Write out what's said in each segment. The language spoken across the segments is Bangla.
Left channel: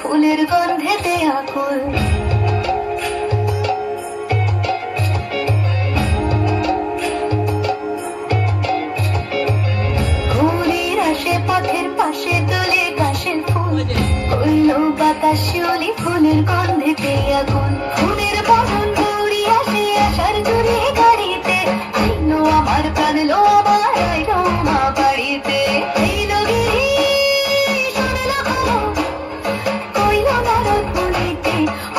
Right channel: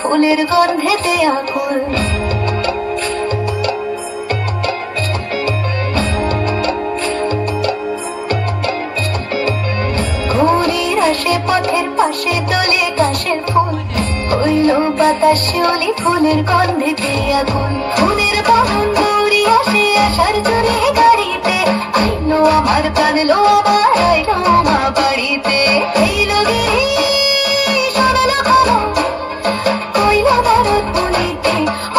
ফুলের গন্ধেতে আকুল। ঘুড়ির আসে পথের পাশে তোলে কাশের ফুল, হইল বাতাস শিউলি ফুলের গন্ধেতে আকুল। ফুলের বাহন ঘুড়ি আসে আসার জোরে গাড়িতে, আইলো আমার প্রাণ লো আমার আইলো মা বাড়িতে। এইলো গিরি শোনালো খবর, কইলো ভারত বলিতে,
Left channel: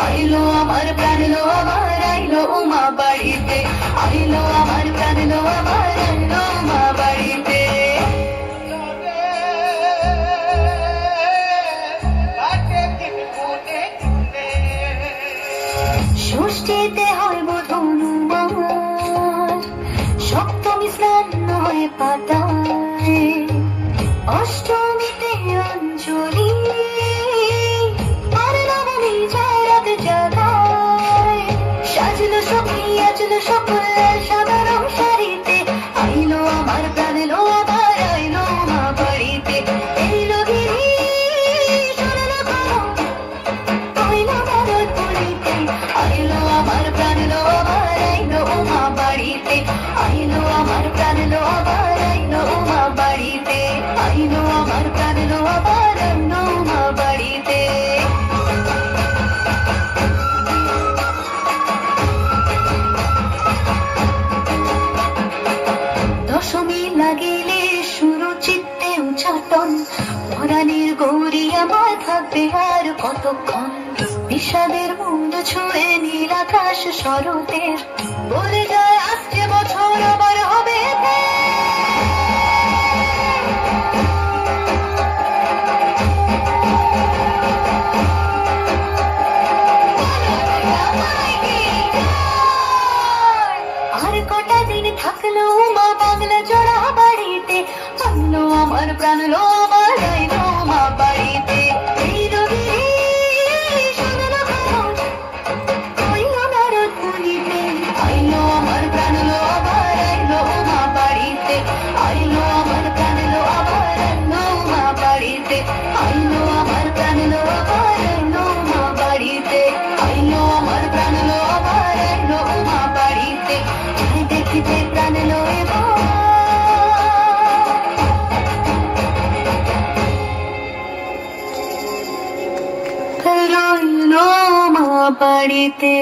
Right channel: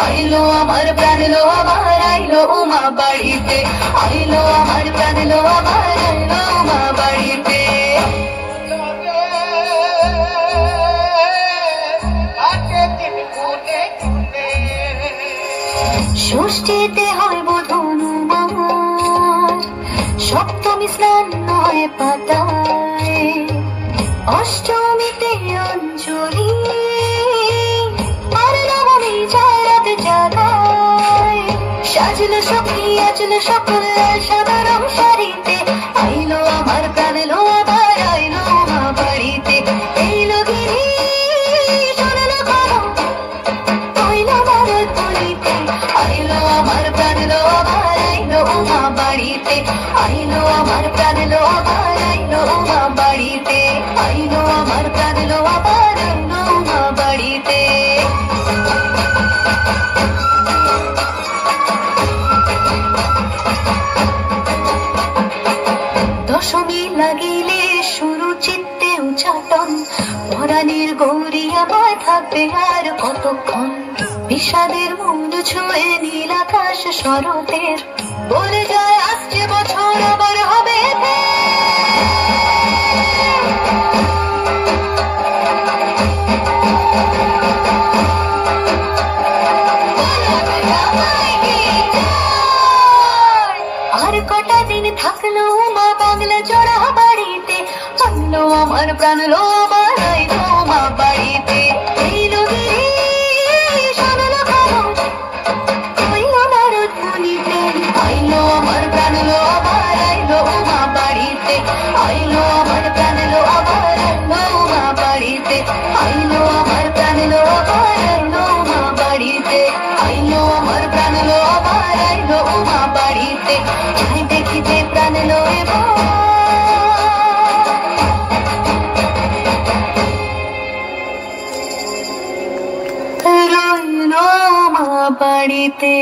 আইলো আমার প্রাণ লো আমার আইলো মা বাড়িতে, আইলো আমার প্রাণ লো আমার আইলো মা বাড়িতে। ষষ্ঠীতে হয় বধূ আমার, সপ্তমী স্নান হয় পাতায়, অষ্টমীতে অঞ্জলি, আর নবমী যায় রাত জাগায়। সাজলো সখী আজলো সকল সাধারণ শাড়িতে, আইলো আমার প্রাণ লো আমার আইলো মা বাড়িতে। এইলো গিরি শোনালো খবর, কইলো ভারত বলিতে, আইলো আমার প্রাণ লো আমার আইলো মা বাড়িতে, আইলো আমার প্রাণ লো আমার আইলো মা বাড়িতে, আইলো আমার প্রাণ লো আমার আইলো মা বাড়িতে। দশমী লাগিলে শুরু চিত্তে উচ্চাটন, পরাণের গৌরী আমার থাকবে আর কতক্ষণ। বিষাদের মুন্ড ছুঁয়ে নীল আকাশ শরতের, বলে যায় আসছে বছর আবার হবে। আর কটা দিন থাকলো মা বাংলা জোড়া বাড়িতে, আনলো আমার প্রাণ লো আমার আইলো মা বাড়িতে। এইলো গিরি শোনালো খবর, কইলো ভারত বলিতে, আইলো আমার প্রাণ লো আমার আইলো মা বাড়িতে, আইলো আমার প্রাণ লো আমার আইলো মা বাড়িতে, আইলো আমার প্রাণ লো আমার আইলো মা বাড়িতে, আইলো আমার প্রাণ লো আমার আইলো মা বাড়িতে। যাই দেখিতে প্রাণ লো রইলো মা বাড়িতে।